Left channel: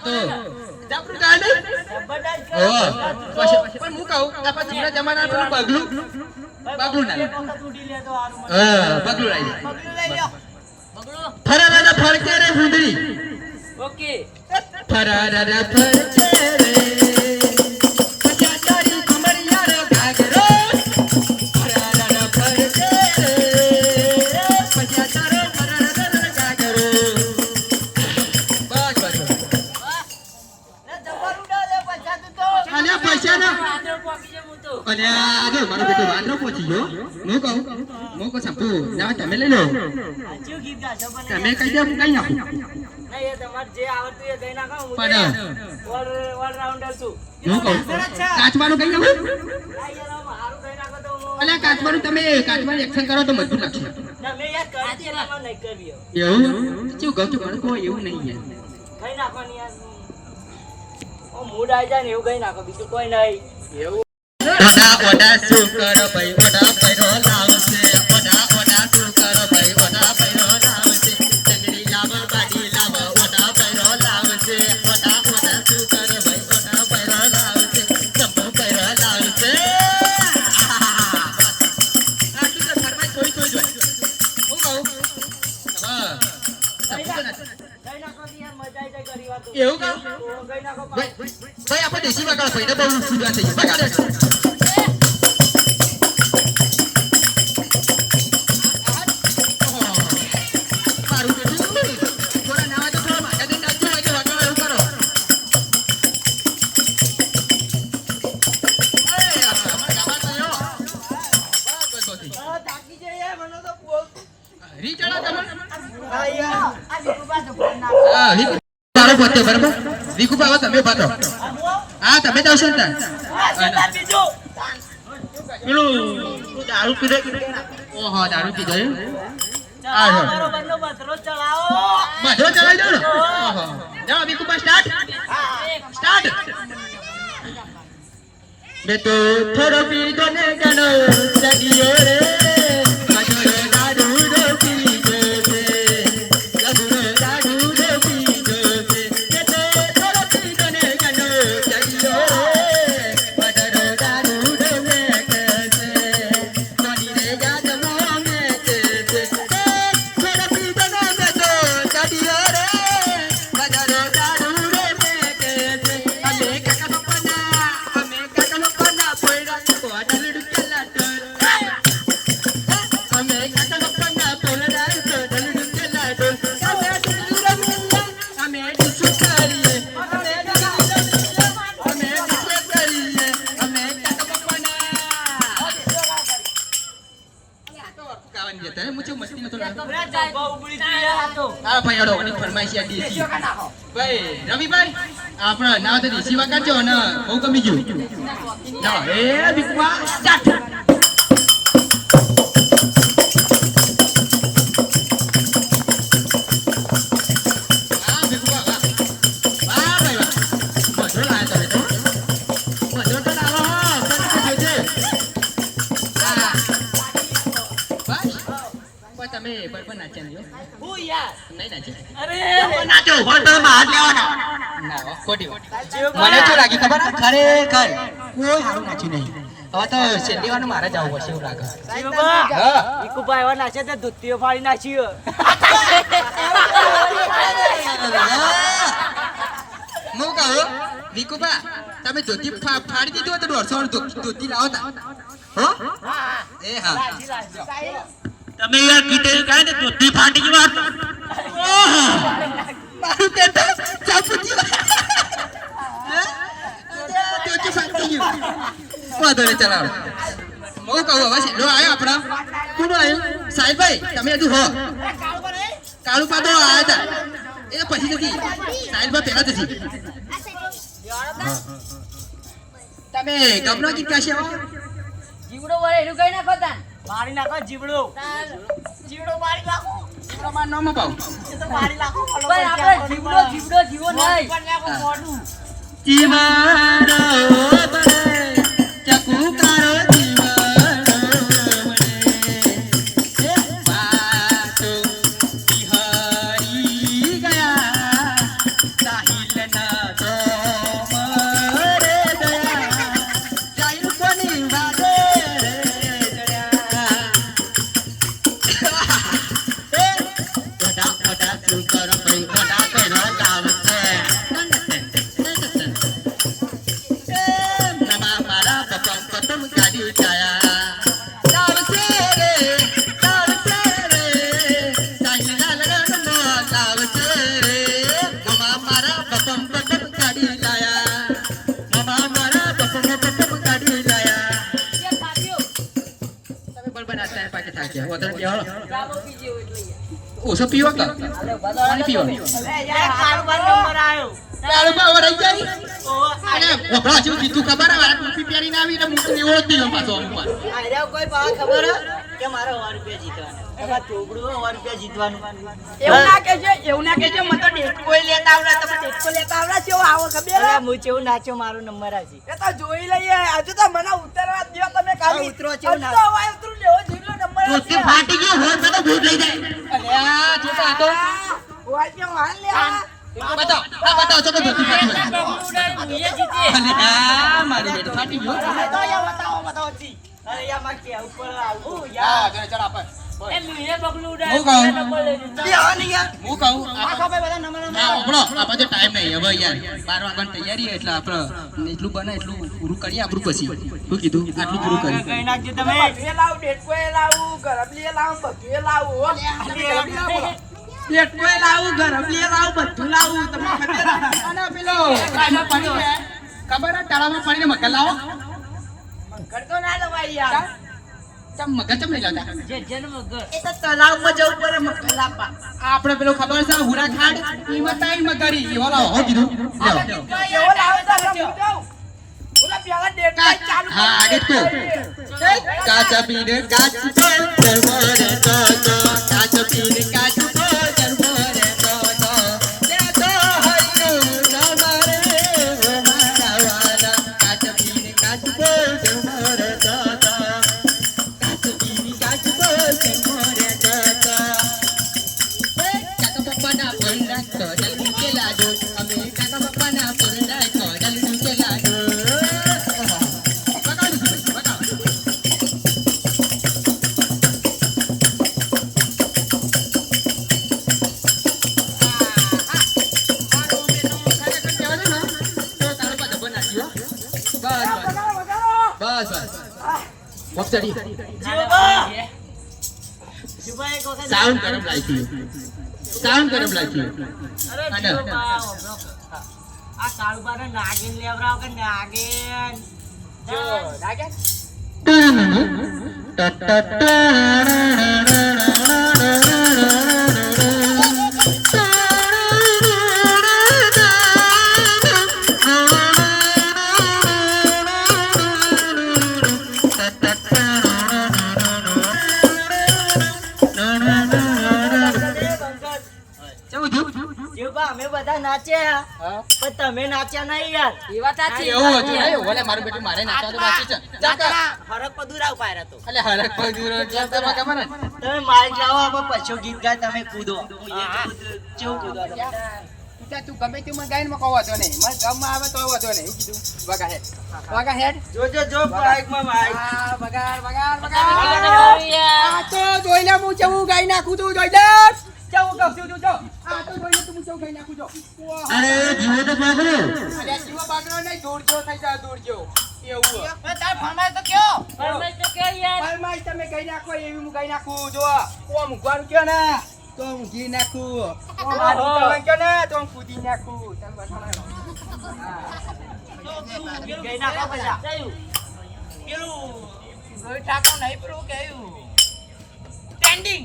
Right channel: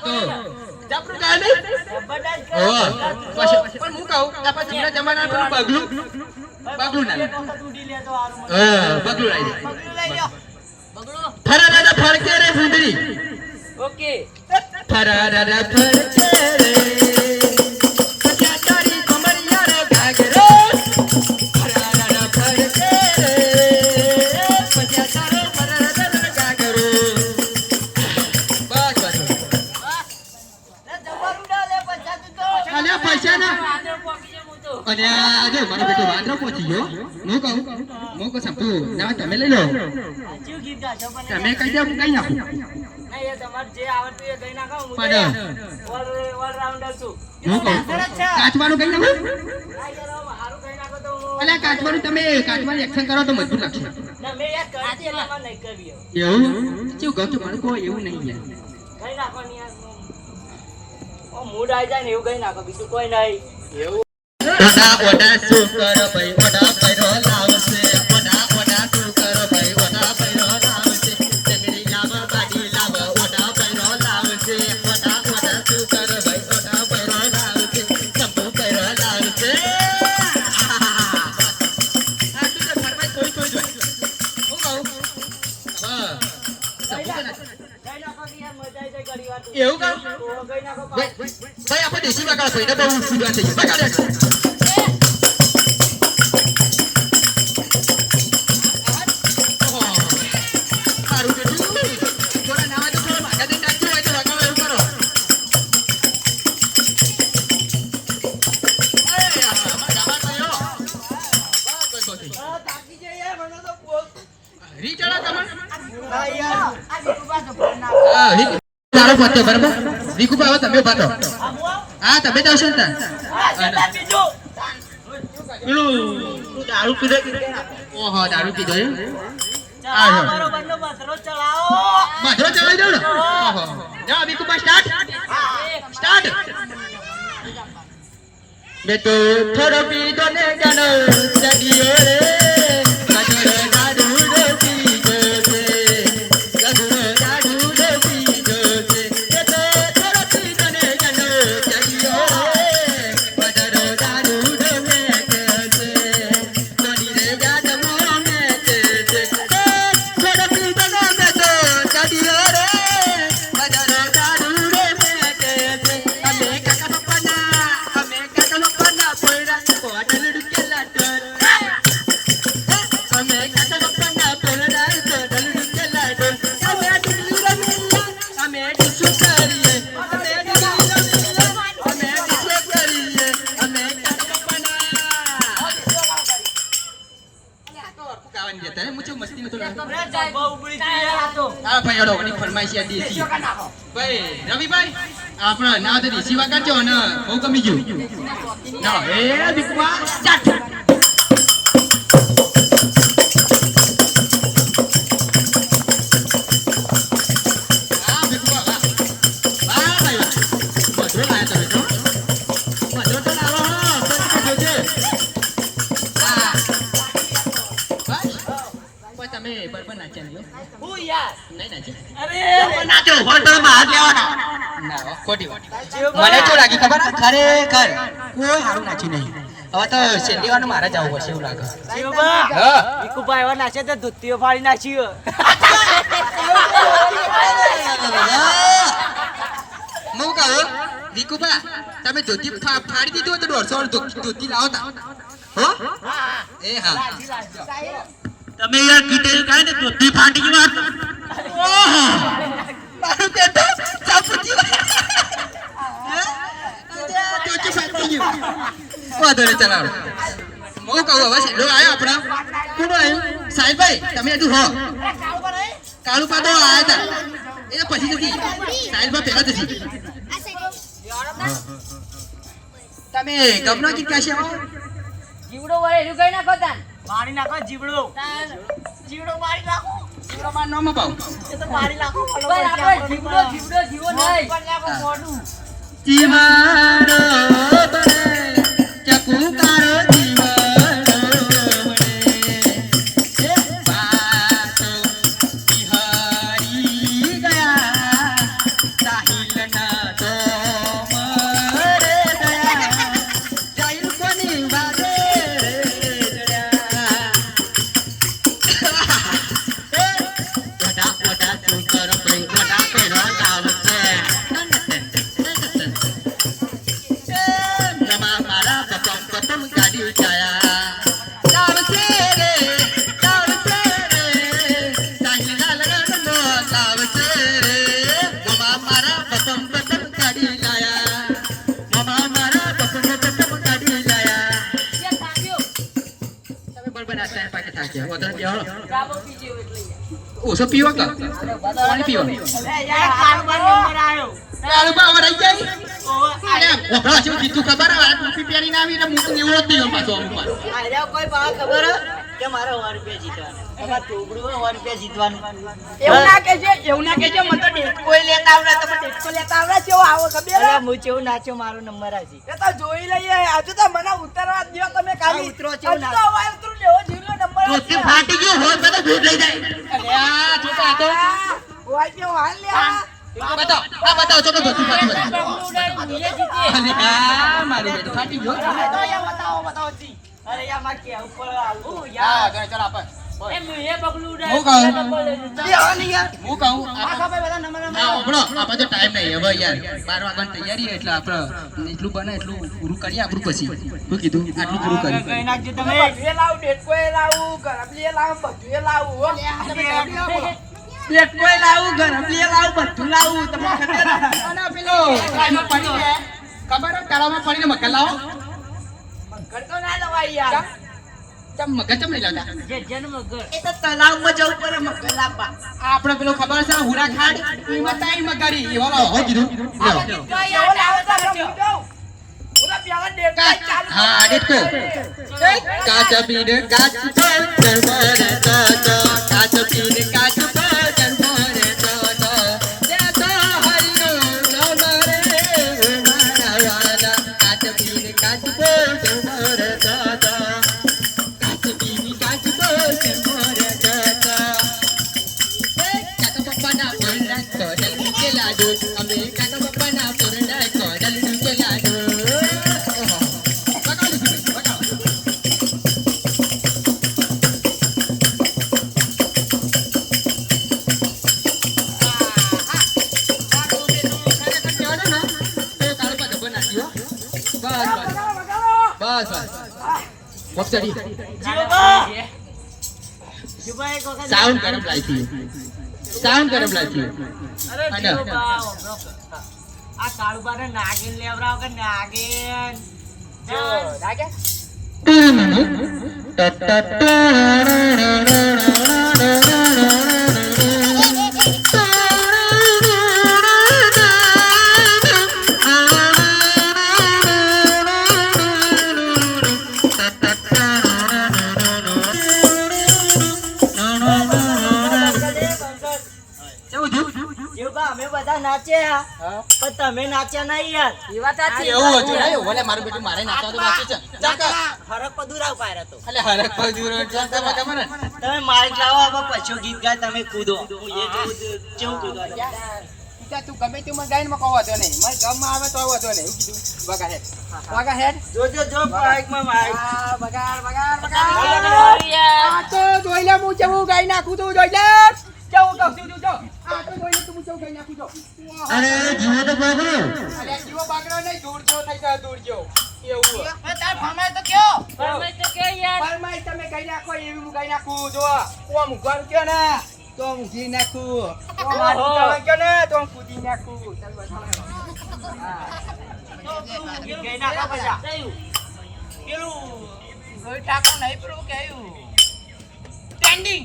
હું કહું આ તો જબરું ગાય નહીં? જબરદસ્ત કરો, ઓહો. જબરદસ્ત પછી પણ હું કહું આ જૂના જમાનાનું પેલું પગલું બગલું ના. હા પગલું લાવી પગલું લઈ લ્યો. પગલું. ફરારા ફરકે રે ઓકે ફરારા ફરકે રે લો ગીત ગાશો પણ તમે કઈ દે હું કઈ નાખું. નહીં, એ તમારે જે આવડતું એ ગઈ નાખો હું તો ઓલ- ઓલરાઉન્ડર છું. હું કહું કાચવાનું કઈ નાખું? આ યાર આમ હારું ગઈ નાખો તો હું- અલ્યા કાચવાનું તમે કાચવાનું એક્શન કરો તો મજબૂત લાગશે. તમે યાર કરી છે નહીં કરવી એવું? શું કહું છું મને કોઈ એવું નહીં યાર ગઈ નાખો ને યાર મૂડ આવી જાય ને એવું કઈ નાખો બીજું કોઈ નહીં. એવું ઓડા ઓડા શું કરો ભાઈ ઓડા પેલું તું દારૂ પીધો ઓહો દારૂ પીધો એમ? ચલાવો બરોબરનો બતરો ચલાવો. બધો ચલાવી દો ને જાઓ રીકુભા, સ્ટાર્ટ સ્ટાર્ટ મેં તો થોડો પીધો ને જાણો ચડિયો રે જબ્બા ઉબળી આ તો. હા ભાઈ અડો ની ફરમાઈશ કા નાખો. ભાઈ રવિભાઈ આપણે ના તો દેશી વાગા છો ને બહુ ગમી ગયું. ના એ દીકવા બહાર લેવાના. ના ખોટી વાત. મને શું લાગ્યું ખબર? ખરેખર કોઈ સારું નાચ્યું નહીં. હવે તો શેરડીવાનું મારે જવું પડશે એવું લાગે. જીવ બા. હા. વિકુભાઈ એવા નાચે તો ધોતીઓ ફાડી નાખી હે. કહું વિકુભા તમે ધોતી ફાડી દીધું હોય તો દોઢસો ધોતી લાવો તા. હો? એ હા. તમે યાર કીધે કાંઈ ને ધોતી ફાટી ગઈ વાત. ઓહો. મારું ગયું વાંધો નહીં ચલાવો હું કહું હવે છેલ્લો આવ્યો આપણો કોણ આવ્યું સાહેબભાઈ તમે હજુ હો કાળુ પાદો આવ્યા હતા એ પછી નથી સાહેબભાઈ પહેલા જ તમે ગમનો ગીત ગાશે હો જીવડો એનું કઈ નાખો તાન? મારી નાખો જીવડો. જીવડો મારી નાખો. જીવડો માં નામ એ તો મારી નાખો પણ આપણે જીવડો જીવડો જીવો નહીં. પણ નાખો મોઢું. જીવાડો ઓછો પીવો કે? પાણી પીવો તારું બા વળાઈ જાય? ઓહો, અરે વપરા જેવું કીધું ખબર હે ટોપી પહેરીને આવી એટલે મૂકી એવો જ નહીં પાછો ઉપર. કોઈ ખબર કે મારે સો રૂપિયા જીતવાના. તમારે ચોપડું હોય રૂપિયા જીતવાનું. એવું ના કહેજે એવું ના કહેજે મને તો ડેટકોય લેતા આવડે તમે ડેટકો લેતા આવડે છે આવો ખબર અરે હું ચેવું નાચ્યો મારો નંબર આજે એ તો જોઈ લઈએ આજે તો મને ઉતરવા દો તમે ખાલી હા, ઉતરો છે ના. તો હવે ઉતરું લેવો જીવનો નંબર છે. ફાટી ગયો હોય તો ભૂત લઈ જાય. અરે આ છોટા તો આ, હાલ લે આ. બતાવો. આ બતાવો છો કે ફાટી ગયું મારી બેટી ફાટી ગયો. બતાવો બતાવો જી. અરે યારમાં કે ઉપર આવું. ચાલ ચાલ યાર. ના ઉપડો આપણે. તો ટાઈમ નહીં. હવે યાર બાર વાગ્યાની તૈયારી એટલે આપણે એટલું બને એટલું પૂરું કરીએ આપણું પછી. શું કીધું? આટલું પૂરું કઈ કરી. નાખજો તમે. બધુંય લાવું ડેટકોય લાવું ગરબલીએ લાવું બધુંય લાવું હો. તમે ગરબલી આપો. ડેટકોય લાવું ગરબલીએ લાવું લાવું તમને ખબર પાણી તળાવમાં પાણીનો મગર લાવો. મગર તો ના લવાય યાર. જે જન્મ. એ તો જવું પડે આપણે પેલો ખબર છે હુરા ખાંડ એમાં તાઈ મગરી. એવા લાવો હો કીધું. એવો લાવો તો આપણે હું જાઉં. ઓલા પેલા ડેટકોય ચાલુ હા, કરી. ડેટકો. દે. કાચ પીને કાચ પીને કાચ પીને ફોનના કોડલ નીચે લાડો અમે કાકા પપ્પાના ફોનના કોડલ નીચે લાડો કરે. આ કાળુબાને નાગિન લેવડાવો કે નાગિન જો, લાગે? બધા નાચ્યા. પણ તમે નાચ્યા નહીં યાર. એ વાત સાચી. એવું હતું નહીં ઓલે મારું બેટું મારે નાચવા તો બાકી છે. ચાલ ચાલ. ફરક પદુરાવ પાયરા તો. અલે હરક પગ એટલે તમે ખબર ને તમે માઇક લાવો હવે પછો ગીત ગાય તમે કૂદો. હું એ જોઉં કૂદો. કેવું તું તું ગમે તે મને ગાઈને માં કહો વાંધો નહીં. મને ગમમાં આવે તો વાંધો નહીં. એવું કીધું વગા હેડ વગા હેડ જોજો જો માઇકમાં માઇક વગાડ વગાડ વગાડ. તો જોઈ લે હું કેવું ગાઈ નાખું તું જોઈ લે. કેવું કહું છું જો આ તો જોઈ તું કેવું ગાઈ નાખું જો અરે જીવો તો પકડો અરે જીવો બાગડો નહીં દૂર જો થઈ જાય દૂર જેવો. એવું તાર ફરમાય તો કયો. ફરમાઈશ તો કે યાર. ફરમાય તમે ગાઈ નાખો એવી હું ગાઈ નાખું જો કયો ને? તો હું ઘી નાખું. ઓમ હાથ ઉતાવળ કયો ને? તો હું કૂદી નાખું. ચાલ બતાવો ગીત ગાઈ નાખો પછી થયું. પેલું ગોઈ ટાકો નહીં પેલું કેવું સ્ટેન્ડિંગ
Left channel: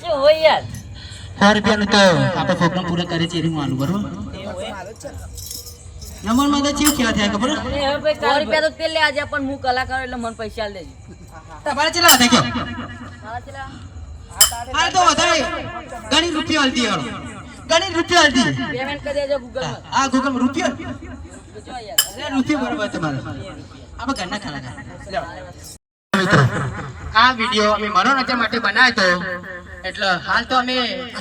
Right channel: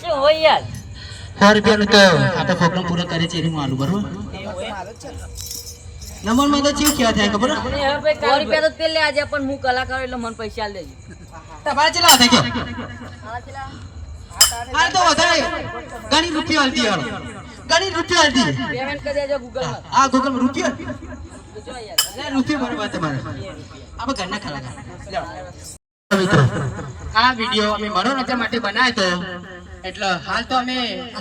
શું સો રૂપિયા તો તે લે આજે પણ હું કલાકાર એટલે મને પૈસા દેજે. હાલ તો વધારે ઘણી રૂપિયો હલતી હાલો. ઘણી રૂપિયો હાલતી પેમેન્ટ કરી દેજો ગૂગલમાં. આ ગૂગલ રૂપિયા? જો યાર અરે રૂપિયા બરોબર તમારે આપણે ઘરના કલાકાર મિત્રો આ વીડિયો અમે મનોરંજન માટે બનાવ્યો હતો એટલે હાલ તો અમે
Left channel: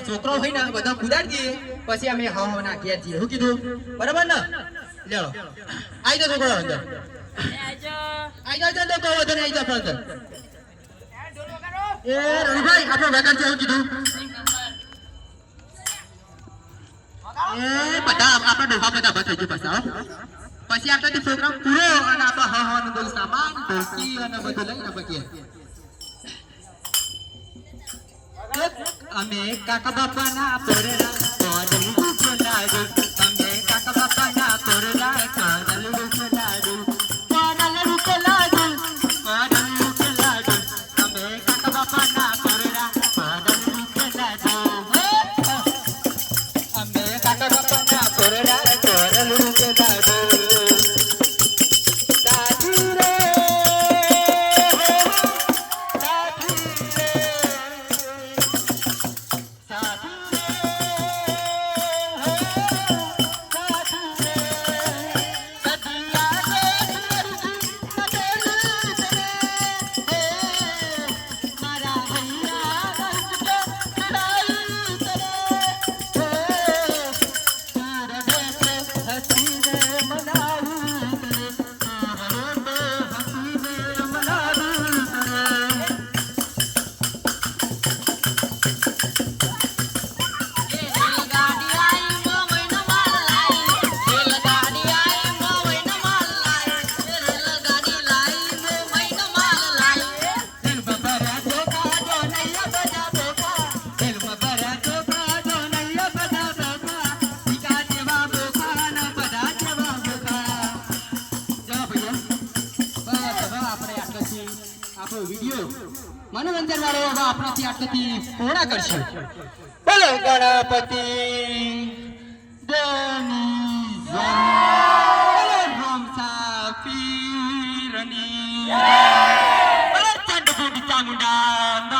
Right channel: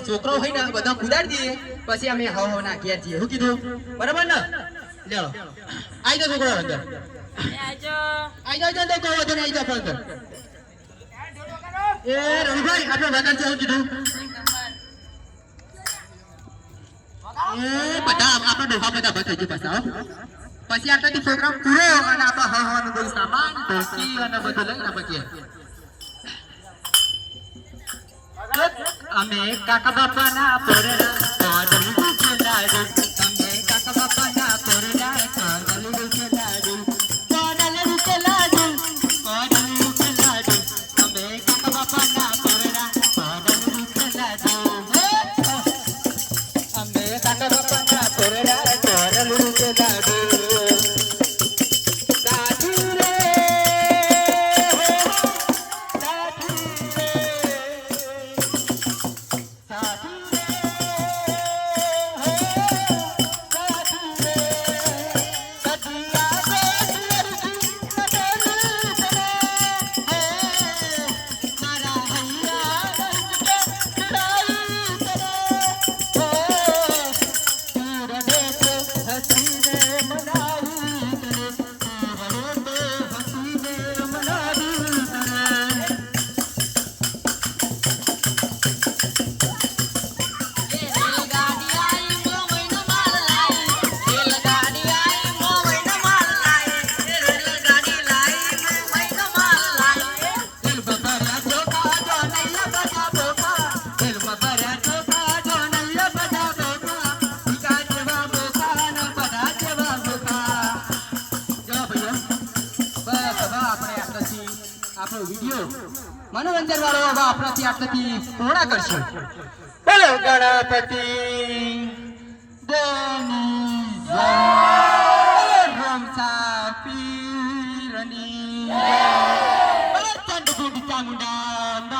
છોકરો હોય ને બધા કુદાડી દઈએ પછી અમે હો હો નાખીએ છીએ શું કીધું? બરાબર ને? લ્યો. આવી જાઓ છોકરો અંદર આવી આજો આવી જાઓ. તો કહો તો આવી જાઓ અંદર એ રવિભાઈ આપણો વેકર છે શું કીધું એ બધા આપણા ડોહા બધા બસ થઈ ગયું પાછા હો. પછી આપણે પ્રોગ્રામ પૂરો અને આપણે હા હા બધું સામાન ટોપી અને બધું લઈને પછી અમે કાકા બાપાના પોરડા કોદલ રૂપે આપણો વીડિયો મનોરંજન વાળો હવે આપણાથી આટલાથી પૂર્ણ કરશું. બોલો ગણપતિ. દેની જય રમસા પીરની. ચંદ્રભૂમિ ચામુંડા